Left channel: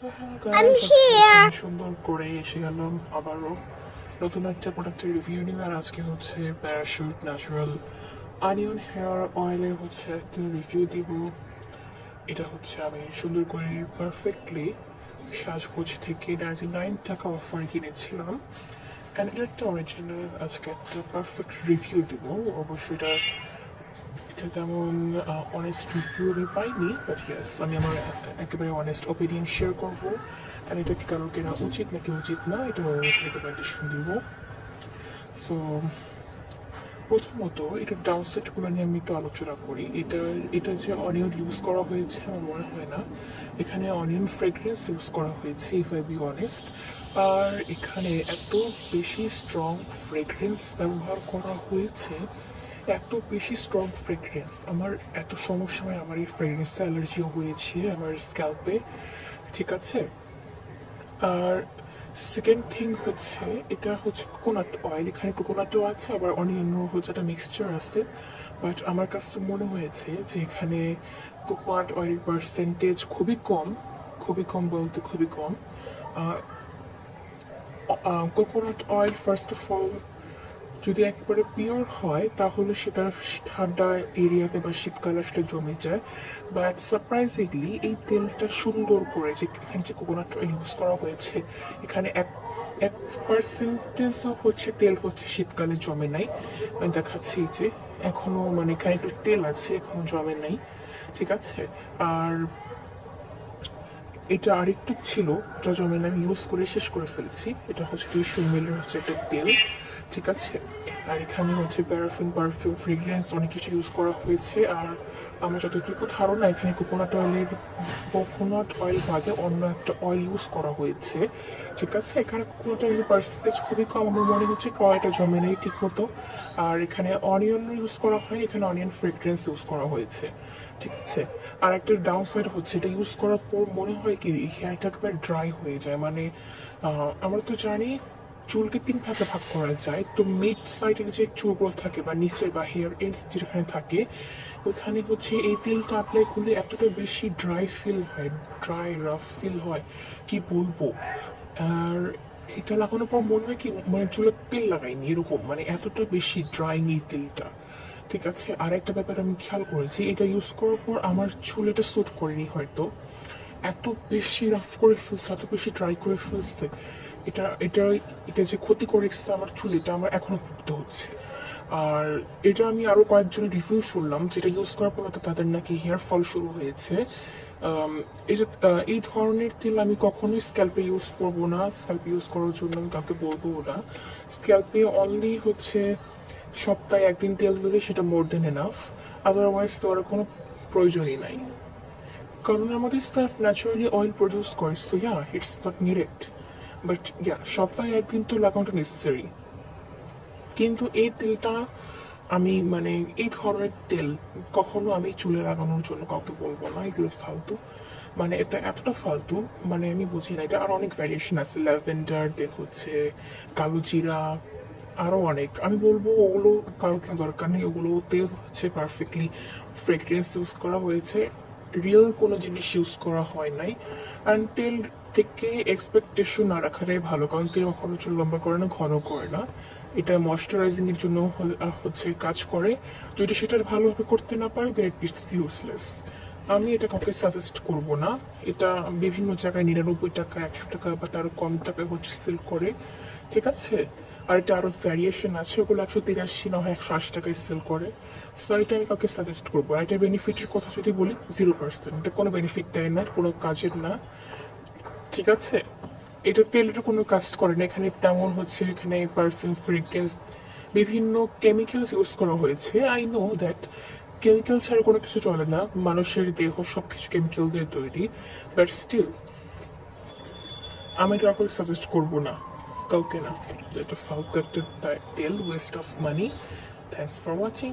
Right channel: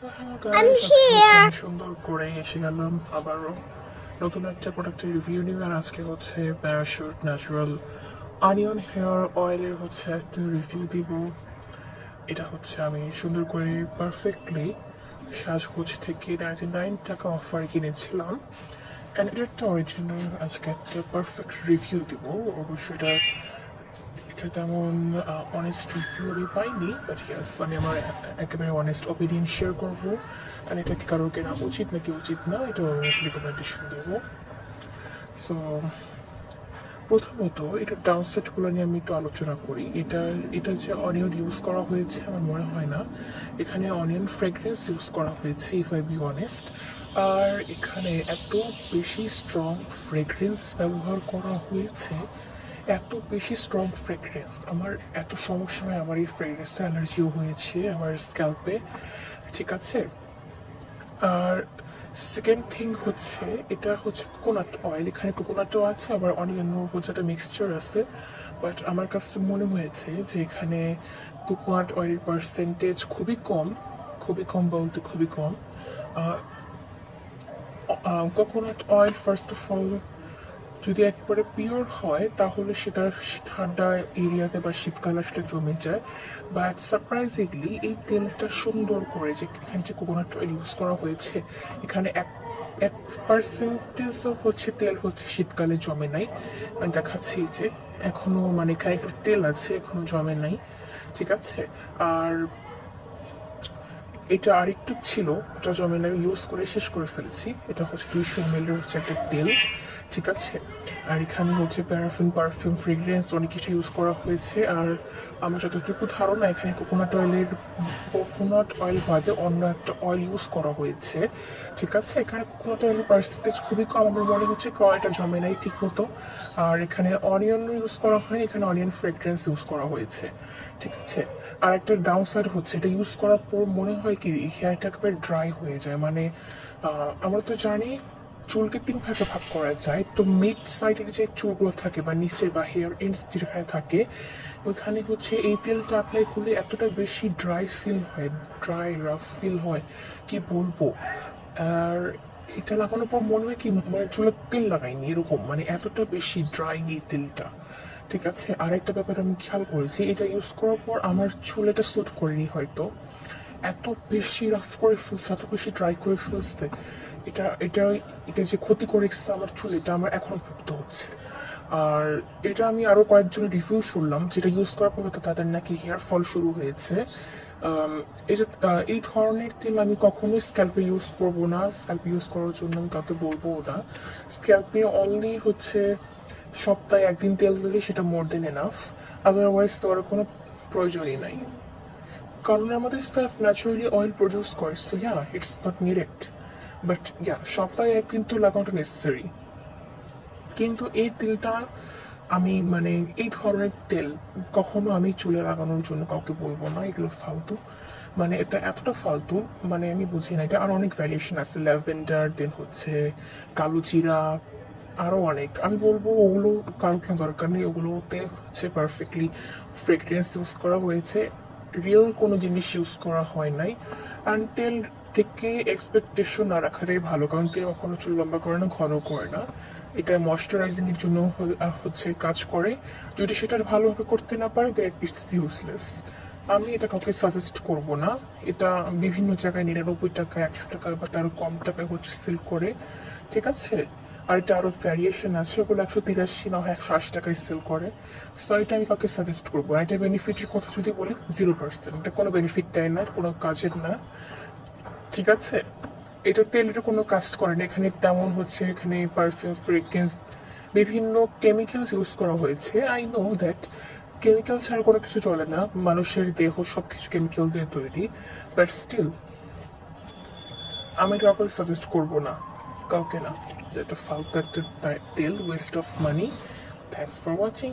So hello I'm guys, আজকে here. আমি সুন্দর করে এসে গেলাম আবারও নতুন একটা প্রোডাক্টের রিভিউ নিয়ে। আর আজকে হচ্ছে প্যারাশুট ন্যাচারাল অনিয়ন হেয়ার অয়েলের হচ্ছে একটা রিভিউ দিব। এটা হচ্ছে আমি সুন্দর করে পারফেক্টলি সাজগোজ থেকে 99 টাকা অফার কিনেছিলাম। অ্যান্ড এটা একটা অরিজিনাল আজকে একটা পারফেক্ট রিভিউ দিব। অবশ্যই এটা তেমন অনেস্ট রিভিউ আমি পাইনি, বাট ইয়াস আমি আমার একেবারে অনেস্ট ওপিনিয়ন শেয়ার করবো। অ্যান্ড এটা কি কারো কেনা উচিত নাকি উচিত না এটা রিকমেন্ডেশন দেব। সো প্রথমত এটার ডাউনসাইডগুলো নিয়ে আমি একটু আলোচনা করি। এটা যে অনিয়ন ইউজ করা হয়েছে আমার মনে হয় না এখানে অনিয়ন ফ্রেগরেন্স ইউজ করা হয়েছে, ইফ আই বি অনেস্ট। আর এখানে এত বেশি স্ট্রং ফ্রেগরেন্স ব্যবহার করা হয়েছে, এত বেশি স্ট্রং ফ্রেগরেন্স আমার এত সমস্যা হয়। আমার এই ফ্রেগরেন্স অ্যালার্জিও হয়েছে আমার স্ক্যাল্পে, ঠিক আছে। আর সেকেন্ড থিং হচ্ছে এটা হচ্ছে কোকোনাট অয়েল, এখানে কোকোনাটও আছে আবার অনিয়নের হচ্ছে একটা মিক্সচার আছে। বাট আমার কাছে মনে হয়েছে যে এখানে কোকোনাট অয়েলের পার্সেন্টেজ খুবই কম, খুবই কম বলতে খুবই কম। Coconut oil first of all যদি একেবারে পিওর হয় তাহলে সেটা ঠান্ডা এরিয়াতে বা শীতকালে আসলে জমে যায়। বাট সারপ্রাইজিংলি এই তেলটা সুন্দর করে যে এখানে যে কোকোনাট অয়েল ইউজ করা হয়েছে, এখানে এক এক পার্সেন্টেজ হচ্ছে তেল হচ্ছে শীতকালে জমে নাই। আমি দেখাচ্ছি যে এখনো মানে এখানে একটু তেল আছে, এখনো জমে নাই, ঠিক আছে। আর এটা আরেকটু ছিল, এটা জমে আমি ইউজ করে শেষ করে ফেলেছি। এটা হচ্ছে 200 ml হচ্ছে একটা তেল, ঠিক আছে। আর এখানে হচ্ছে প্যারাফিন পারফিউম ফ্রেগ্রেন্স অনেক কিছু ইউজ করা হয়েছে। আর আমার যতটুকু ধারণা এখানে কোকোনাট অয়েল বাদে অন্য একটা অয়েল ইউজ করা হয়েছে, ঠিক আছে। এখানে কোকোনাট অয়েলের পার্সেন্টেজ খুবই কম, আমার মনে হচ্ছে কয়টা জমে নেই ঠিক মতো। আর এখানে অনিয়ন ইউজ করা হয়নি, এখানে অনিয়ন ফ্রেগ্রেন্স ইউজ করা হয়েছে, ঠিক আছে। আর একটা ডাউন সাইড হচ্ছে এটা ইউজ করার পর মনে হয় কি হেয়ারটা একেবারে ড্রাই হয়ে যায়। মানে আমরা তো জানি চুলকে 3 ভাগে ভাগ করা যায়, তো মিড সাইডের যে চুলগুলো থাকে বা নিচে বা হেয়ার এন্ডস যেখানে থাকে ওইখানে হচ্ছে এই তেলটা অ্যাপ্লাই করলে এতটা বেশি ড্রাই ফিল হয়, ড্রাই রাফ ফিল হয় কি বলবো। আর এটা লাগানোর পর মনে হয় কি মানে চুলে তেল লাগাইনি এরকম, মানে এতটা বেশি ড্রাইং এই তেলটা, ঠিক আছে। আরেকটা ব্যাপার আমি খেয়াল করেছি, এটা ইউজ করার পর আমার চুল এটা স্যুট করেনি হয়তো, এত বেশি রাফ করে ফেলছে, এত বেশি ড্রাই করে ফেলছে। এটা এটা এটা যে ক্ষতি করেছে আমার চুল, এটা আমার এখনো ভুগতে হচ্ছে। আর এটা আমি আরো কয়েকজনের রিভিউ শুনলাম যেটা ইউজ করার পর তাদের নাকি হেয়ার ফল শুরু হয়েছে। এই ধরনের তেল আমি কখনোই স্ক্যাল্পে ইউজ করবো না, স্ক্যাল্পে ইউজ করার জন্য আমি কাউকে বলবো না। স্ক্যাল্পে অনলি হচ্ছে সপ্তাহে একদিন তেল দিলে সেটা মোর দেন এনাফ, আদারওয়াইজ তো আর কোনো প্রয়োজনই নাই। কারণ আমাদের স্টাফ ন্যাচারালি অয়েল প্রডিউস করে, so yeah it's not needed. But yeah সপ্তাহে একদিন তো লাগানোটা নেসেসারি। কিন্তু এই তেলটা আমি মানে এই ধরনের তেল কখনো আমি চুলে লাগানোর জন্য কাউকে বলবো না, এগুলো ফালতু। মানে এটা এতটা ফালতু মানে আমি বুঝি না। এটা আর অনেক ভ্যারিয়েশন আছে, ল্যাভেন্ডার, দেন হচ্ছে কালো জিরা, আরও অনেক। আমি বলবো ওগুলো কারো কেউ দরকার নেই, ওগুলোতে হচ্ছে পারফেক্টলি ফ্রেগরেন্স ইউজ করা হয়েছে, রিয়েল কোনো জিনিস ইউজ করা হয় নাই। অ্যান্ড তেল থেকে এক্সপেকটেশন না রাখাটাই ভালো, কারণ তেল কখনো চুল লম্বা করে না, ঘন করে না। এটা ময়শ্চারাইজিং এর জন্য হচ্ছে কাজ করে। যদি সেটা ভালোভাবে করতে না পারে দেন ইটস ইউজলেস। আমি এটা কাউকে সাজেস্ট করব না। এটা বিভিন্ন জায়গায় 99 টাকা, 100 টাকা বা তারও কম টাকায় হচ্ছে সেল করে, ঠিক আছে। আর এটা আরো ভ্যারিয়েশন আছে, ওগুলো 183 না হয় 180 টাকায় সেল করে। সো এটা আমি কাউকে সাজেস্ট করবো না। এটা বেনিফিটের কথা যদি বলি 0%, এটা কোনো বেনিফিট দেয় না, কোনো কাজের না, ঠিক আছে। এটা তেলের কোনো কাজ করে না, এখানে তেমন হচ্ছে এখানে পারফিউম ফ্রেগ্রেন্স বিভিন্ন কেমিক্যালস ইউজ করা হয়েছে। আই নো দ্যাট কেমিক্যাল ছাড়া কোনো কিছু চলে না, মানুষের দেহ সব কিছু কেমিক্যাল দিয়ে তৈরি। বাট স্টিল আমি কাউকে সাজেস্ট করবো না, কাউকে না, যে এটা ফালতু একটা তেল, West of money. Thanks for watching.